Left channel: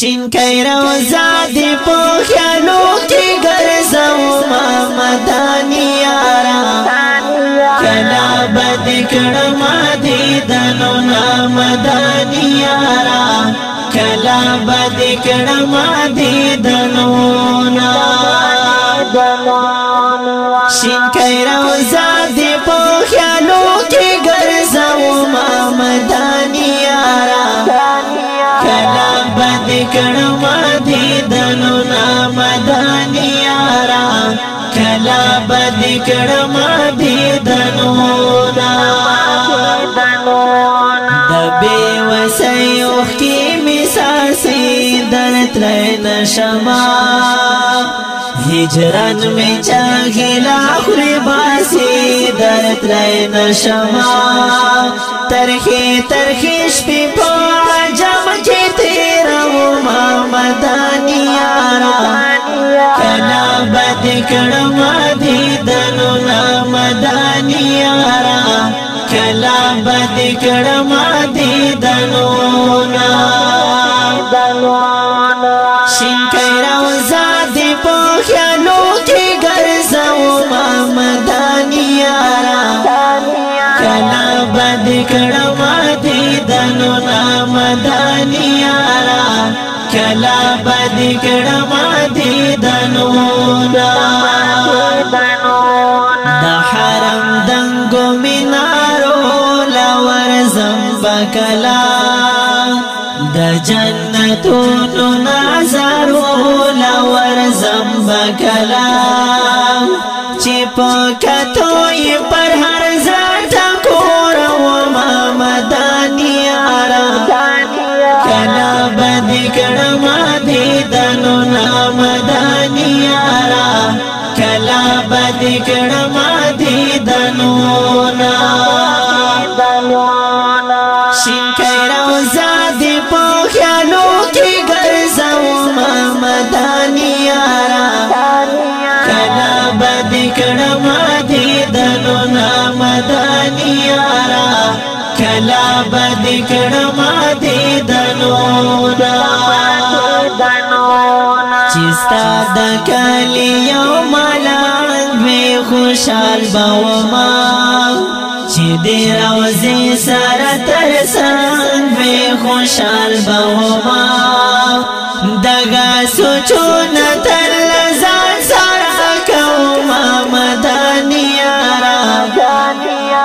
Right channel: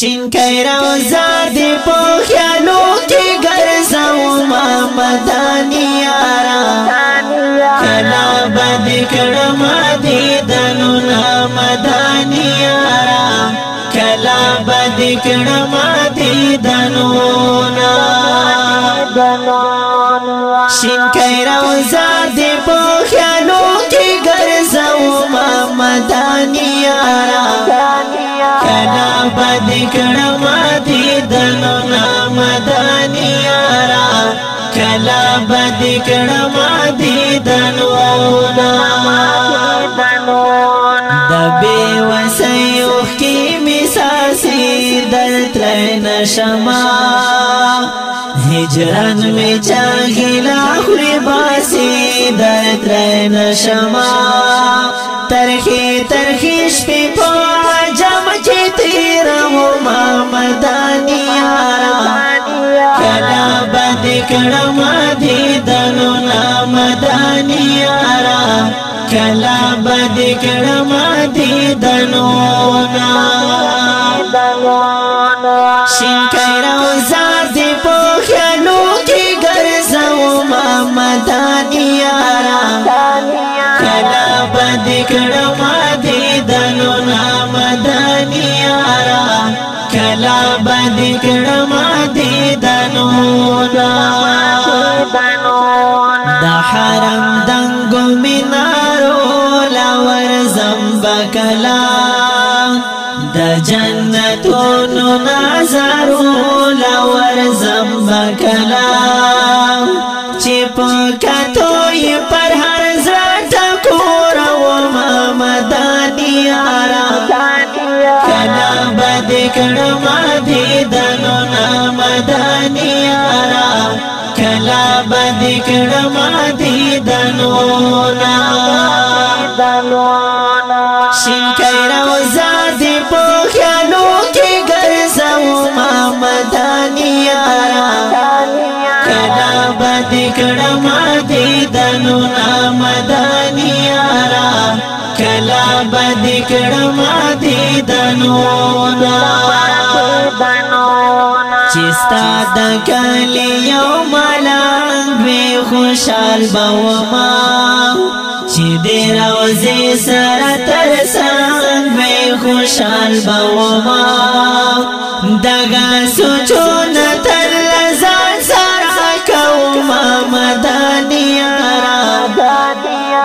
شین کئی روزا دی پو خیالو کی گرزو ما مدانی یارا کلا بدی کڑما دیدنو نا مدانی یارا کلا بدی کڑما دیدنو نا شین کئی روزا دی پو خیالو کی گرزو ما مدانی یارا کلا بدی کڑما دیدنو نا مدانی یارا کلا بدی کڑما دیدنو نا دبی وسی اوخ کی مساسی درت رین شما ہجران میں چاہلا خلی باسی درت رین شما ترخی ترخیش پی پو عجم کی تیرو ما مدانی یارا کلا بدی کڑما دیدنو نا مدانی یارا کلا بدی کڑما دیدنو نا شین کئی روزا دی پو خیالو کی گرزو ما مدانی یارا کلا بدی کڑما دیدنو نا مدانی یارا کلا بدی کڑما دیدنو نا دا حرم دنگو منارو لور زمبکلا دا جنتونو نازارو لور زمبکلا چی پاکتوی پر ہر زرطا کورو ما مدانی یارا کلا بدی کڑما دیدنو نا مدانی یارا کلا بدی کڑما دیدنو نا شین کئی روزا دی پو خیالو کی گرزو ما مدانی یارا کلا بدی کڑما دیدنو نا مدانی یارا کلا بدی کڑما دیدنو نا چستا دا کلی یو ملانگ وی خوشحال باوما چی دی روزی سر ترسانگ وی خوشحال باوما دگا سوچون تلزان سارا کوما مدانی یارا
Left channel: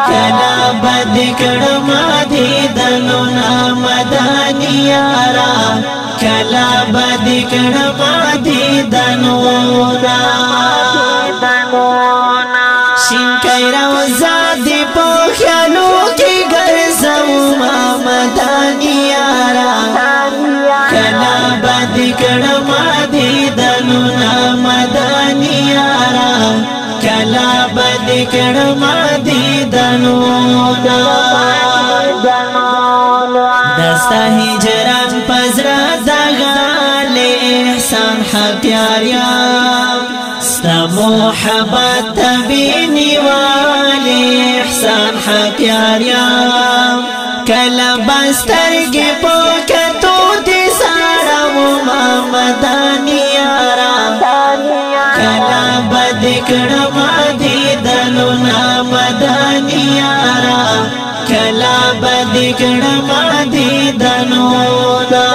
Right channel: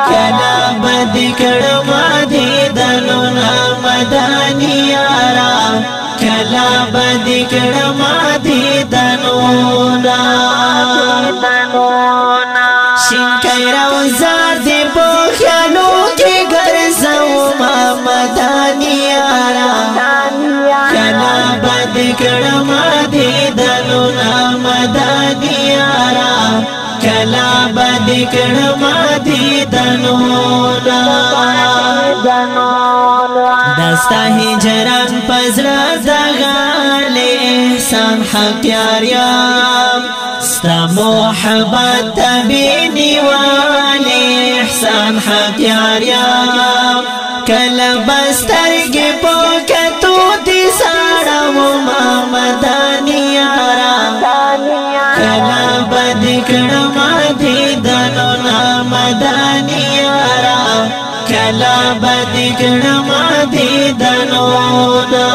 کلا بدی کڑما دیدنو نا مدانی یارا کلا بدی کڑما دیدنو نا شین کئی روزا دی پو خیالو کی گرزو ما مدانی یارا کلا بدی کڑما دیدنو نا مدانی یارا کلا بدی کڑما دیدنو نا دستا ہجران پزرا دغال احسان حق یاریم ستا محبت تبینی والی احسان حق یاریم کلا بسترگی پوکتو دی ساڑو ما مدانی یارا کلا بدی کڑما دیدنو نا مدانی یارا کلا بدی کڑما دیدنو نا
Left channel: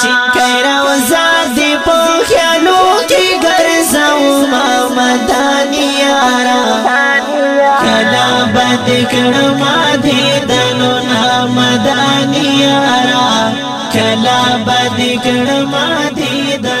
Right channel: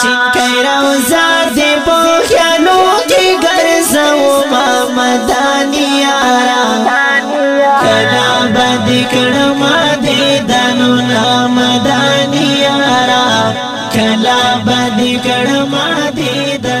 شین کئی روزا دی پو خیالو کی گرزو ما مدانی یارا کلا بدی کڑما دیدنو نا مدانی یارا کلا بدی کڑما دیدنو